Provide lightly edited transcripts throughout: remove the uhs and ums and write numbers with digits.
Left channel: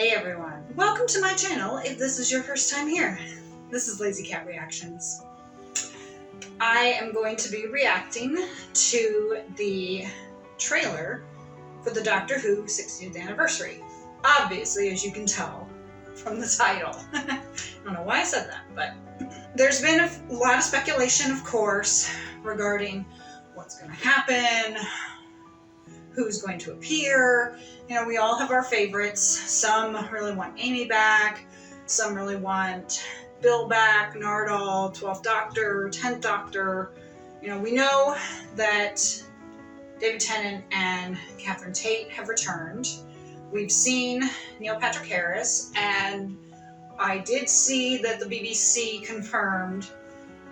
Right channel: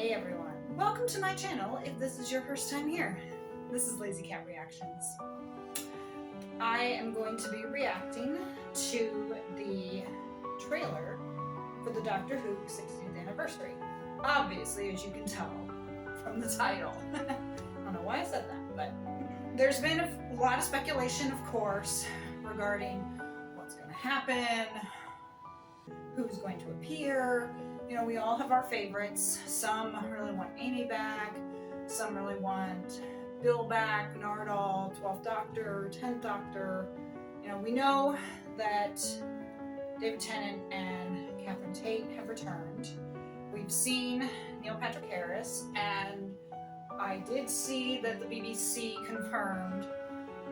Hey everyone, welcome to my channel if this is your first time here. This is Lazy Cat Reactions. I am going to be reacting to the trailer for the Doctor Who 60th anniversary. Obviously, as you can tell from the title. I don't know why I said that, but there's been a lot of speculation, of course, regarding what's going to happen, who's going to appear. You know, we all have our favorites. Some really want Amy back, some really want Bill back, Nardole, 12th Doctor, 10th Doctor. You know, we know that David Tennant and Catherine Tate have returned. We've seen Neil Patrick Harris, and I did see that the BBC confirmed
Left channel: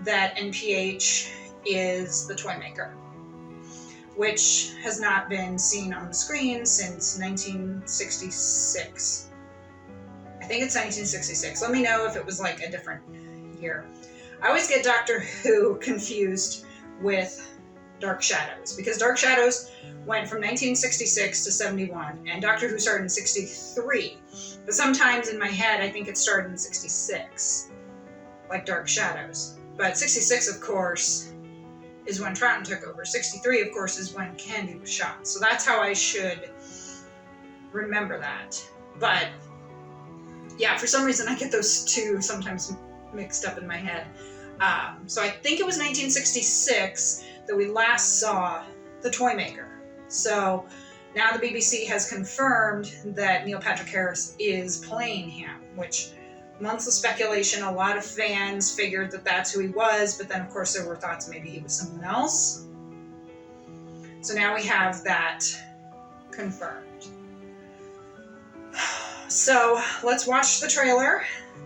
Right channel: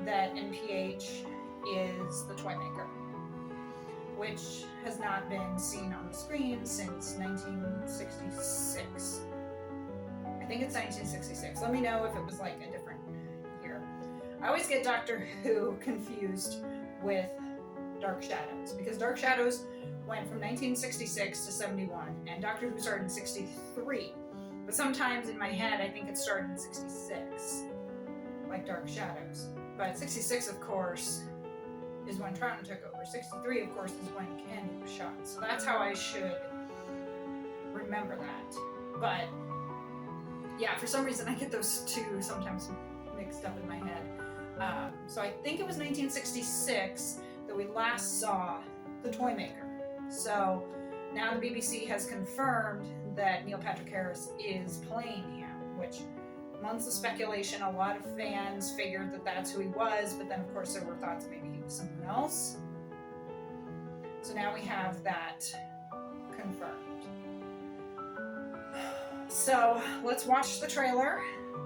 that NPH is the Toymaker, which has not been seen on the screen since 1966. I think it's 1966. Let me know if it was like a different year. I always get Doctor Who confused with Dark Shadows, because Dark Shadows went from 1966 to 71, and Doctor Who started in 63. But sometimes in my head, I think it started in 66, like Dark Shadows. But 66, of course, is when Troughton took over. 63, of course, is when Candy was shot. So that's how I should remember that. But yeah, for some reason I get those two sometimes mixed up in my head. So I think it was 1966 that we last saw the Toymaker. So now the BBC has confirmed that Neil Patrick Harris is playing him, which months of speculation, a lot of fans figured that that's who he was, but then of course there were thoughts maybe he was someone else. So now we have that confirmed. So let's watch the trailer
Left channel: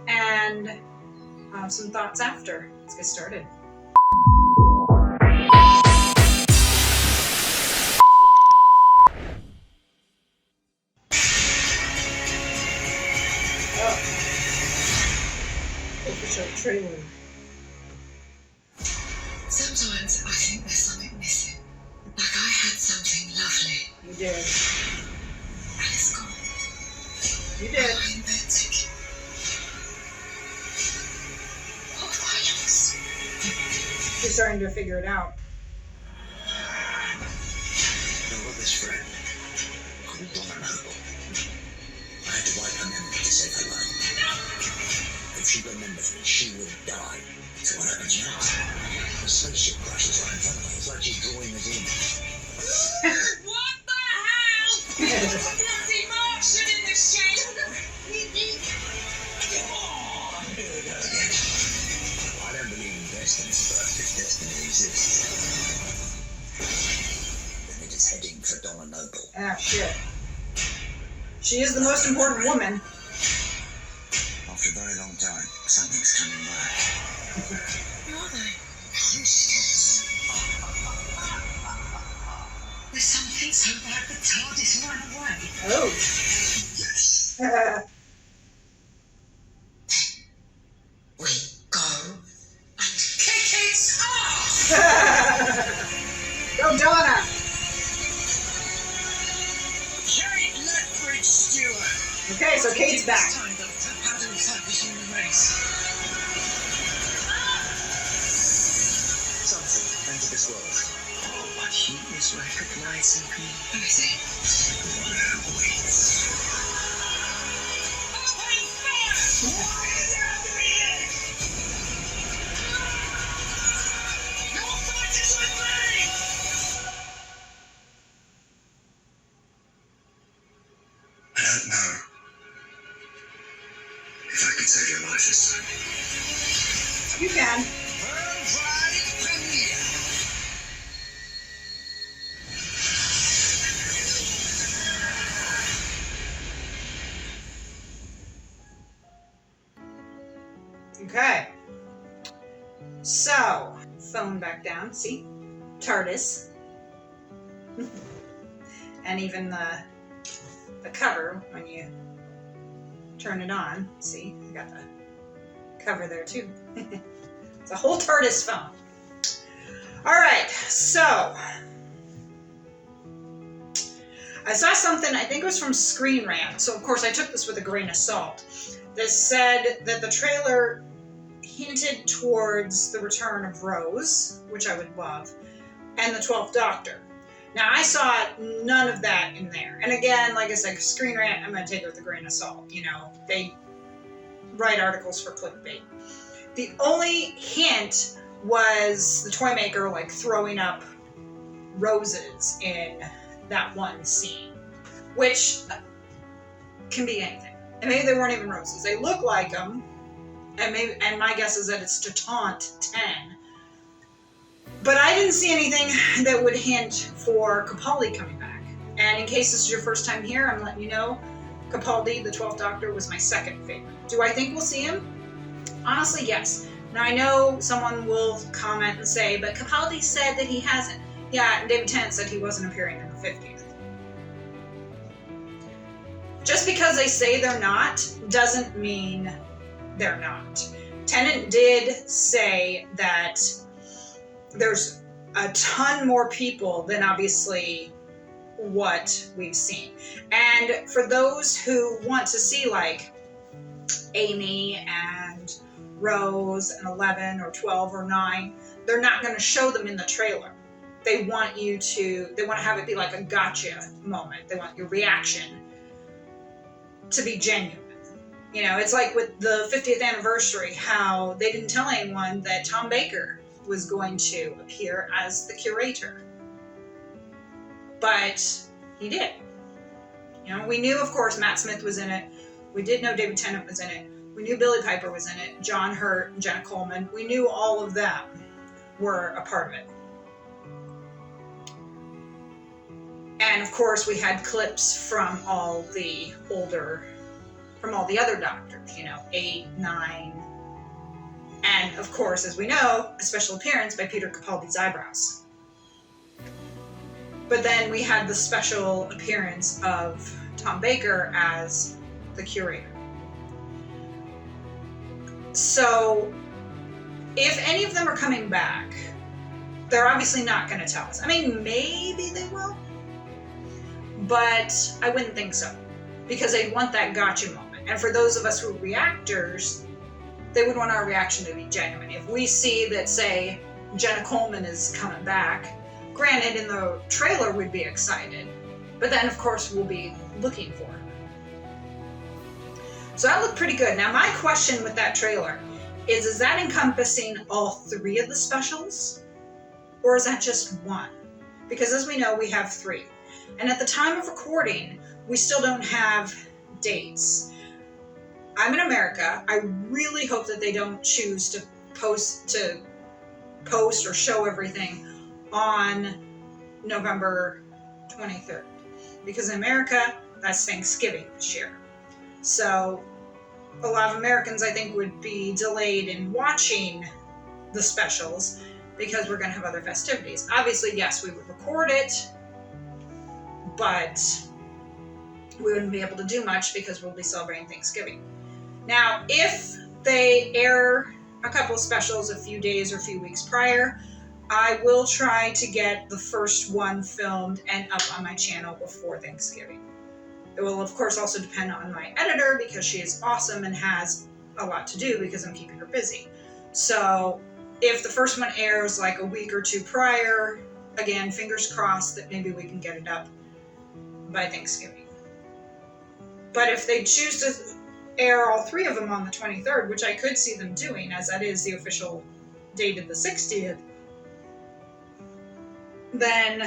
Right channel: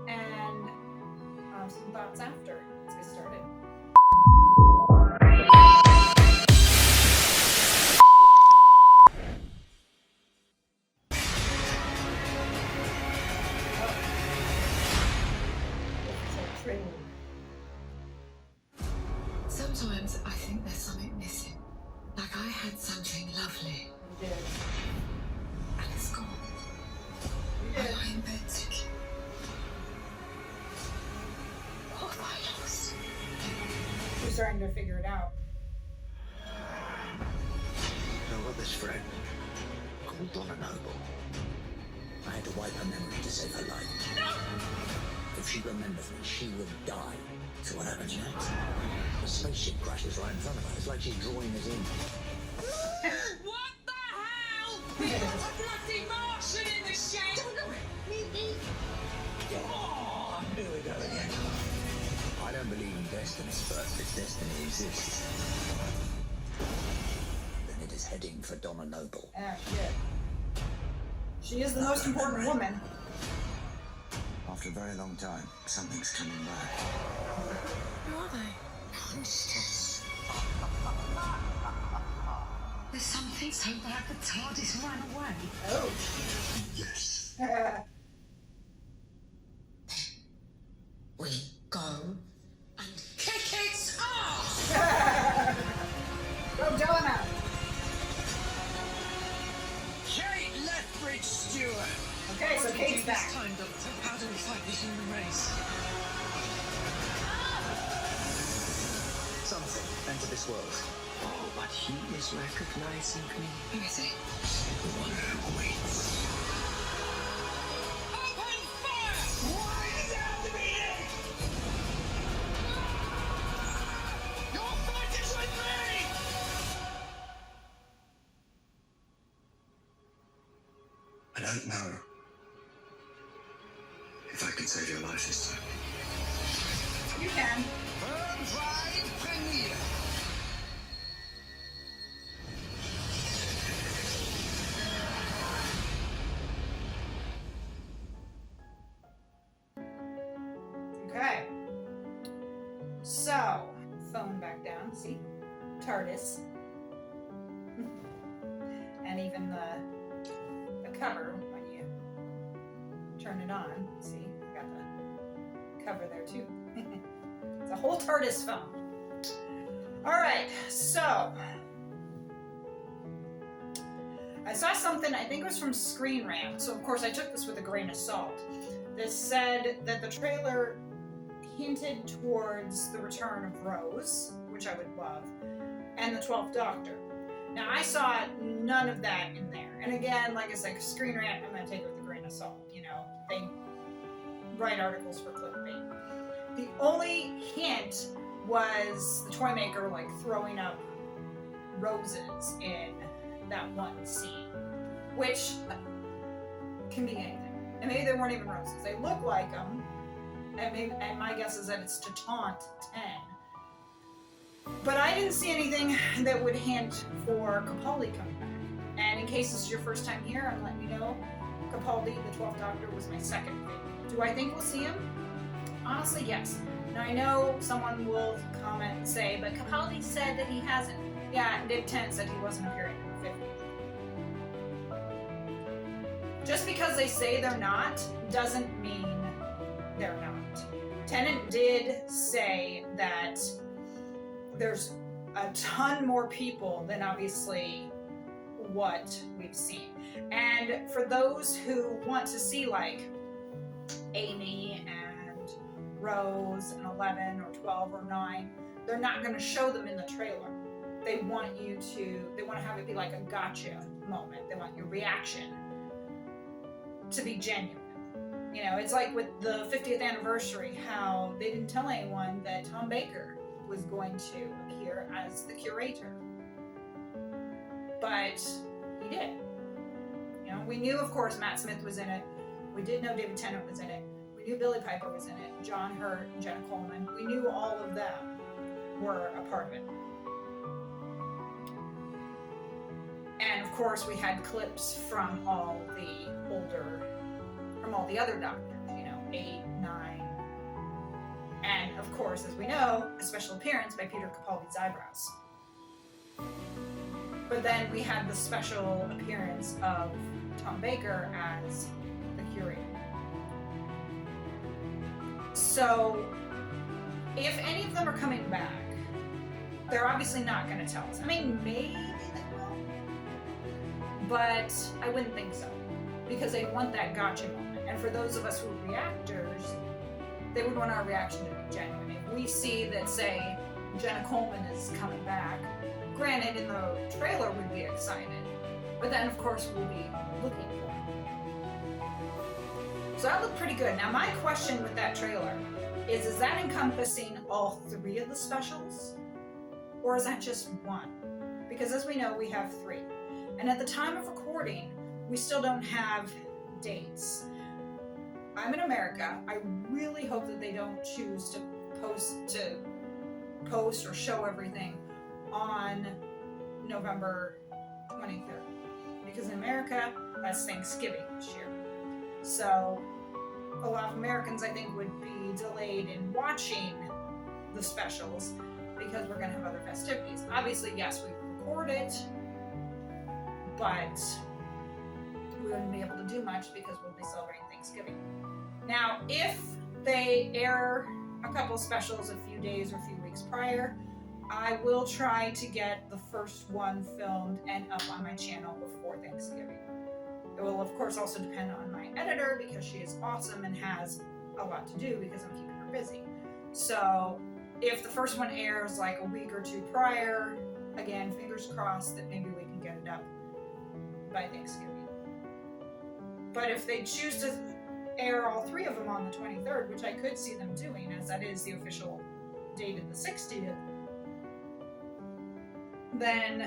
and have some thoughts after. Let's get started. Trailer. Sometimes I think there's something missing. Like I had something lovely. You did. And it's gone. You did. I invented. What have I lost? You're starting to figure it out. I've got this friend called Donna Noble. I had to wipe her memory to save her life. If she remembers me, she will die. So what happens next? The spaceship crashes right in front of her. It's like she's drawing us in. What the hell? There's a bloody Martian in the shed! Oh, here we go again. I don't believe in destiny, but if destiny exists, then it is heading for Donna Noble. Ah, shit. She is the most important woman. After a very long time, something's coming back. Who are they? Monsters. There's something so bad the TARDIS ran away. Oh. Yes. We go and kick its ass! Go, Donna! Kate Lethbridge Stewart. Okay, so Kate's back. Time, Doctor. How do we fight the human race? Something entered this world. Oh, but he is recognizing me. Who is he? The one who waits. Open fire! Why is it happening here? Your fight is with me! I don't know if I can save your life this time. You can. Worldwide premiere. Okay. So, phone back down. See? TARDIS. And even the cover when you turn it on. See? I got the cover there too. It's a whole TARDIS phone. Alright, so I saw something, I think it was from Screen Rant, so of course I took this with a grain of salt, that said that the trailer hinted towards the return of Rose, which I would love, and the 12th Doctor. Now, I saw none of that in there. And again, like I said, Screen Rant, I'm going to take it with a grain of salt. You know, they write articles for clickbait. The only hint was the toy maker, like, throwing up roses in that one scene, which can be anything. And maybe they weren't even roses. They look like them, and my guess is that it's to taunt 10. But I didn't see anything that would hint for Capaldi coming back. And in case this is your first time here, I'm letting you know, Capaldi, the 12th Doctor, was my second favorite. Do I think we'll see him? Honestly, yes. Now, I know someone will comment and say, but Capaldi said that he hasn't. Yeah, David Tennant said he wasn't appearing in the 50th. Just because they say they're not, doesn't mean they're not. Tennant did say that there's a ton more people than obviously what we've seen. And for those who want to see like Amy and Rose and 11 or 12 or 9, they're not going to show them in the trailer. They want to have it be like a gotcha moment. They want your reaction to be genuine. You know, it's like with the 50th anniversary, how they didn't tell anyone that Tom Baker was going to appear as the curator. But he did. You know, we knew, of course, Matt Smith was in it. We did know David Tennant was in it. We knew Billy Piper was in it, John Hurt, and Jenna Coleman. We knew all of them were a part of it. And of course, we had clips from all the other Doctors, you know, 8, 9, and of course, as we know, a special appearance by Peter Capaldi's eyebrows. But then we had the special appearance of Tom Baker as the curator. So, if any of them are coming back, they're obviously not going to tell us. I mean, maybe they will, but I wouldn't think so, because they want that gotcha moment. And for those of us who are reactors, they would want our reaction to be genuine. If we see that, say, Jenna Coleman is coming back, granted, in the trailer we'd be excited, but then of course we'll be looking for it. So that looked pretty good. Now my question with that trailer is that encompassing all 3 of the specials? Or is that just one? Because as we know, we have 3. And at the time of recording, we still don't have dates. I'm in America. I really hope that they don't choose to post or show everything on November 23rd. Because in America, that's Thanksgiving this year. So a lot of Americans, I think, would be delayed in watching the specials because we're going to have other festivities. Obviously, yes, we would record it, but we wouldn't be able to do much because we'll be celebrating Thanksgiving. Now, if they air a couple of specials a few days or a few weeks prior, I will try to get the first one filmed and up on my channel before Thanksgiving. It will, of course, also depend on my editor because she is awesome and has a lot to do because I'm keeping her busy. So if the first one airs like a week or 2 prior, again, fingers crossed that maybe we can get it up by Thanksgiving. But if they choose to air all 3 of them on the 23rd, which I could see them doing, as that is the official date of the 60th, then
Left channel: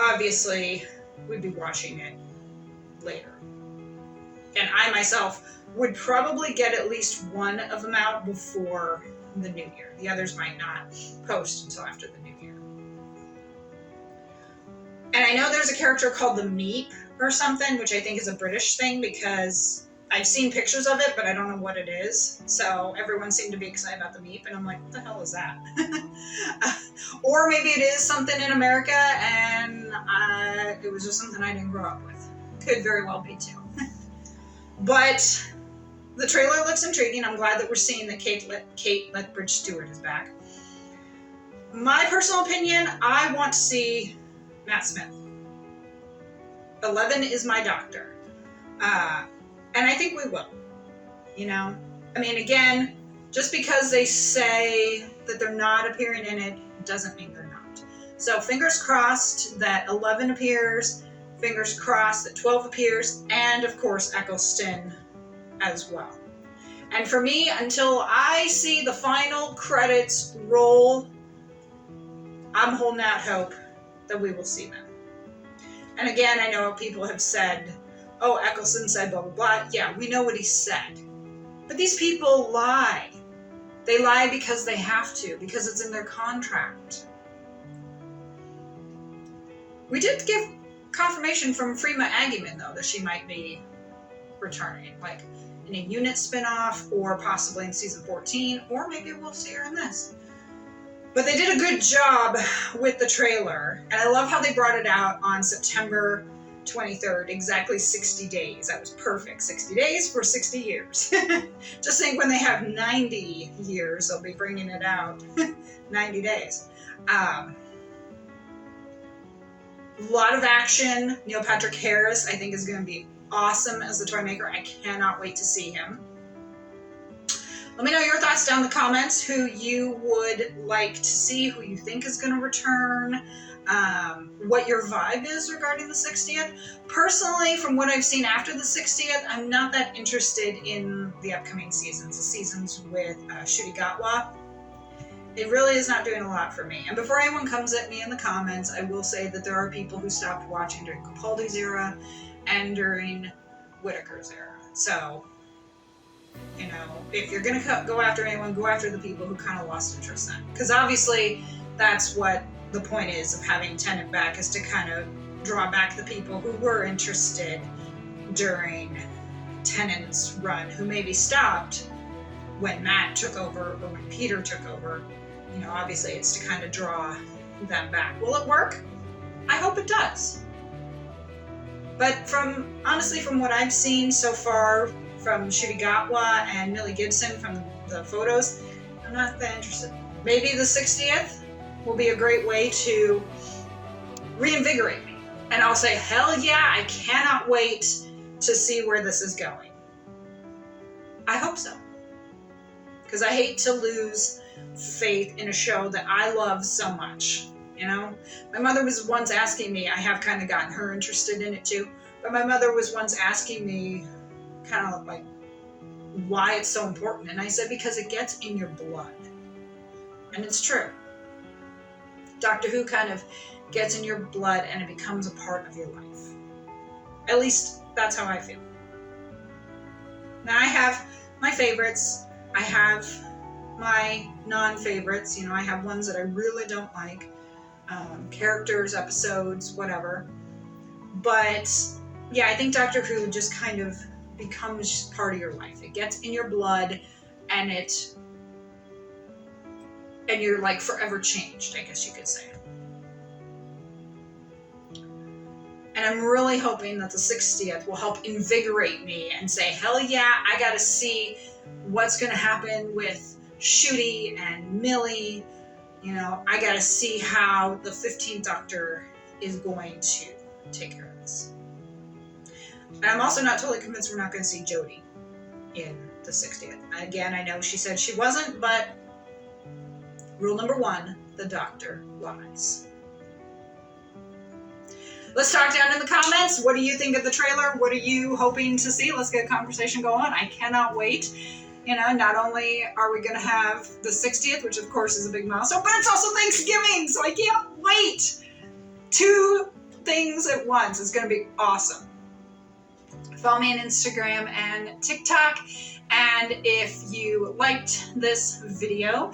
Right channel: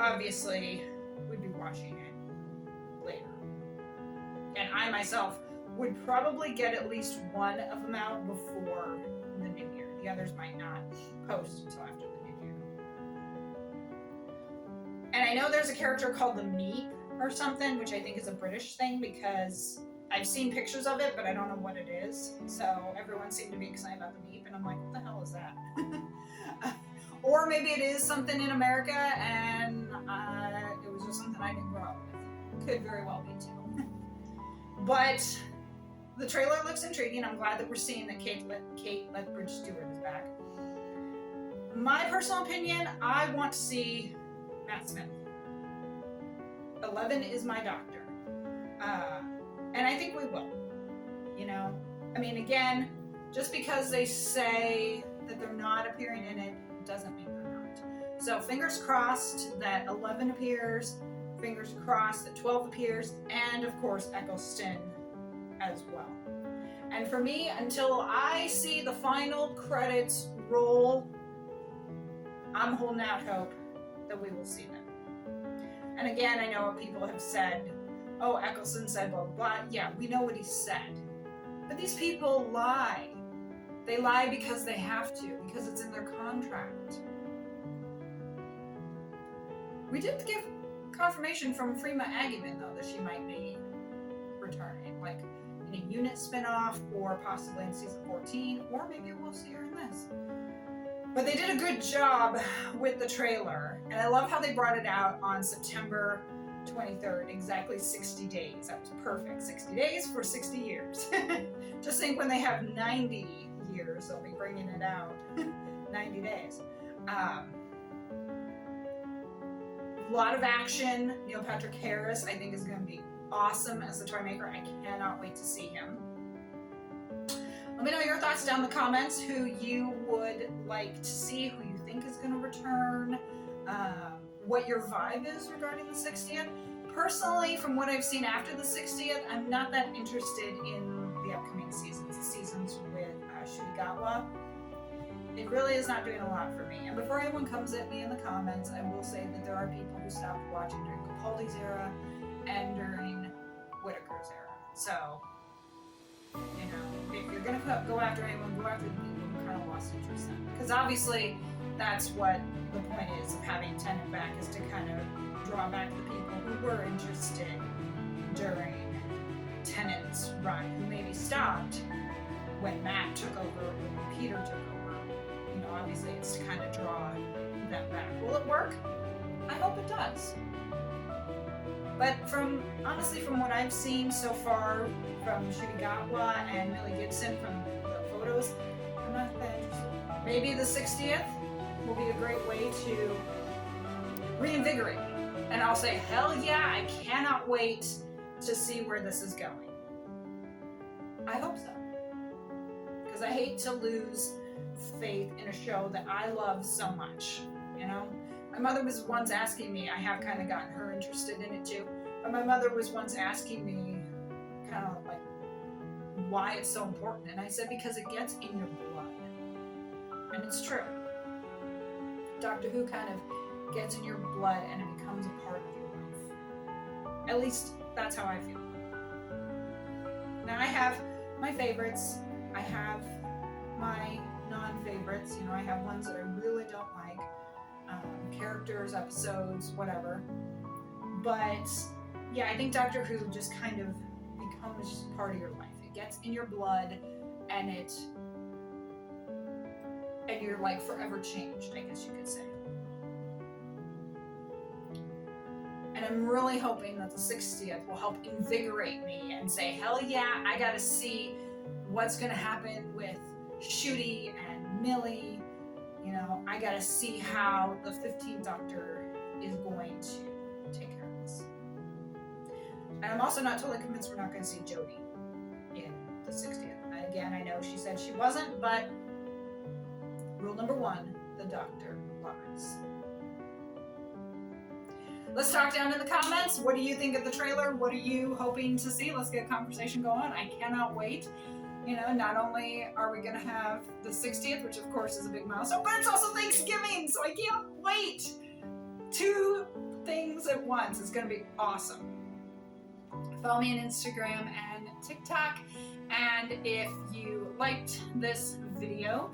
obviously we'd be watching it later. And I myself would probably get at least one of them out before the New Year. The others might not post until after the New Year. And I know there's a character called the Meep or something, which I think is a British thing because I've seen pictures of it, but I don't know what it is. So everyone seemed to be excited about the Meep, and I'm like, what the hell is that? Or maybe it is something in America, and it was just something I didn't grow up with. Could very well be too. But the trailer looks intriguing. I'm glad that we're seeing that Kate Lethbridge Stewart is back. My personal opinion, I want to see Matt Smith. 11 is my doctor. And I think we will. You know? I mean, again, just because they say that they're not appearing in it doesn't mean they're not. So fingers crossed that 11 appears, fingers crossed that 12 appears, and of course Eccleston as well. And for me, until I see the final credits roll, I'm holding out hope that we will see them. And again, I know people have said, oh, Eccleston said blah, blah, blah. Yeah, we know what he said. But these people lie. They lie because they have to, because it's in their contract. We did give confirmation from Freema Agyeman, though, that she might be returning, like in a unit spinoff, or possibly in season 14, or maybe we'll see her in this. But they did a good job with the trailer, and I love how they brought it out on September 23rd, exactly 60 days. That was perfect. 60 days for 60 years. Just think when they have 90 years, they'll be bringing it out. 90 days. A lot of action. Neil Patrick Harris, I think, is going to be awesome as the toy maker. I cannot wait to see him. Let me know your thoughts down in the comments, who you would like to see, who you think is going to return, what your vibe is regarding the 60th. Personally, from what I've seen after the 60th, I'm not that interested in the upcoming seasons, the seasons with Ncuti Gatwa. It really is not doing a lot for me. And before anyone comes at me in the comments, I will say that there are people who stopped watching during Capaldi's era and during Whittaker's era. So, you know, if you're going to go after anyone, go after the people who kind of lost interest then. Because obviously, that's what the point is of having Tennant back, is to kind of draw back the people who were interested during Tennant's run, who maybe stopped when Matt took over or when Peter took over. You know, obviously it's to kind of draw them back. Will it work? I hope it does. But honestly, from what I've seen so far from Ncuti Gatwa and Millie Gibson from the photos, I'm not that interested. Maybe the 60th will be a great way to reinvigorate me. And I'll say, hell yeah, I cannot wait to see where this is going. I hope so. Because I hate to lose faith in a show that I love so much. You know, my mother was once asking me, I have kind of gotten her interested in it too, but my mother was once asking me kind of like why it's so important. And I said, because it gets in your blood. And it's true. Doctor Who kind of gets in your blood and it becomes a part of your life. At least that's how I feel. Now I have my favorites. I have my non-favorites. You know, I have ones that I really don't like. Characters, episodes, whatever. But yeah, I think Doctor Who just kind of becomes part of your life. It gets in your blood and you're like forever changed, I guess you could say. And I'm really hoping that the 60th will help invigorate me and say, hell yeah, I gotta see what's gonna happen with Ncuti and Millie. You know, I gotta see how the 15th Doctor is going to take care of this. And I'm also not totally convinced we're not gonna see Jodie in the 60th. Again, I know she said she wasn't, but rule number 1, the Doctor lies. Let's talk down in the comments. What do you think of the trailer? What are you hoping to see? Let's get a conversation going. I cannot wait. You know, not only are we going to have the 60th, which of course is a big milestone, but it's also Thanksgiving, so I can't wait. 2 things at once. It's going to be awesome. Follow me on Instagram and TikTok. And if you liked this video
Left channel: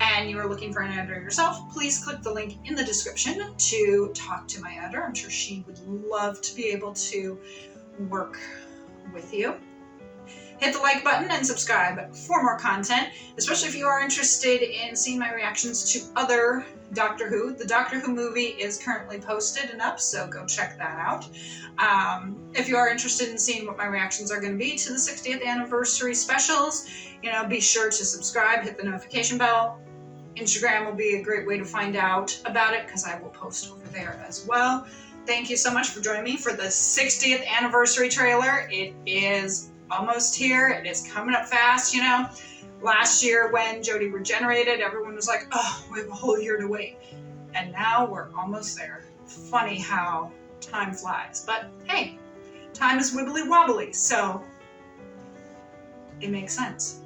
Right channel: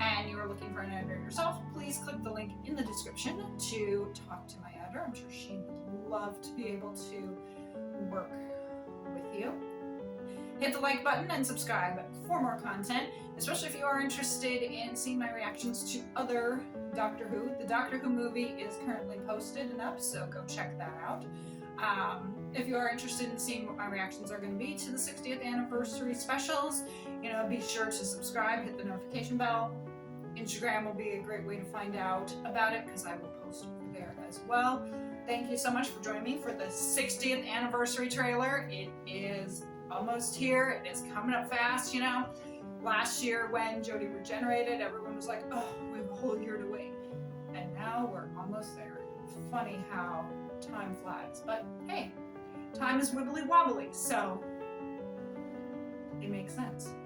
and you are looking for an editor yourself, please click the link in the description to talk to my editor. I'm sure she would love to be able to work with you. Hit the like button and subscribe for more content, especially if you are interested in seeing my reactions to other Doctor Who. The Doctor Who movie is currently posted and up, so go check that out. If you are interested in seeing what my reactions are going to be to the 60th anniversary specials, you know, be sure to subscribe, hit the notification bell. Instagram will be a great way to find out about it because I will post over there as well. thank you so much for joining me for the 60th anniversary trailer. It is almost here. It is coming up fast, you know. Last year when Jodie regenerated, everyone was like, oh, we have a whole year to wait. And now we're almost there. Funny how time flies. But hey, time is wibbly wobbly, so it makes sense.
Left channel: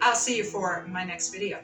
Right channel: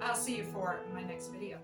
I'll see you for my next video.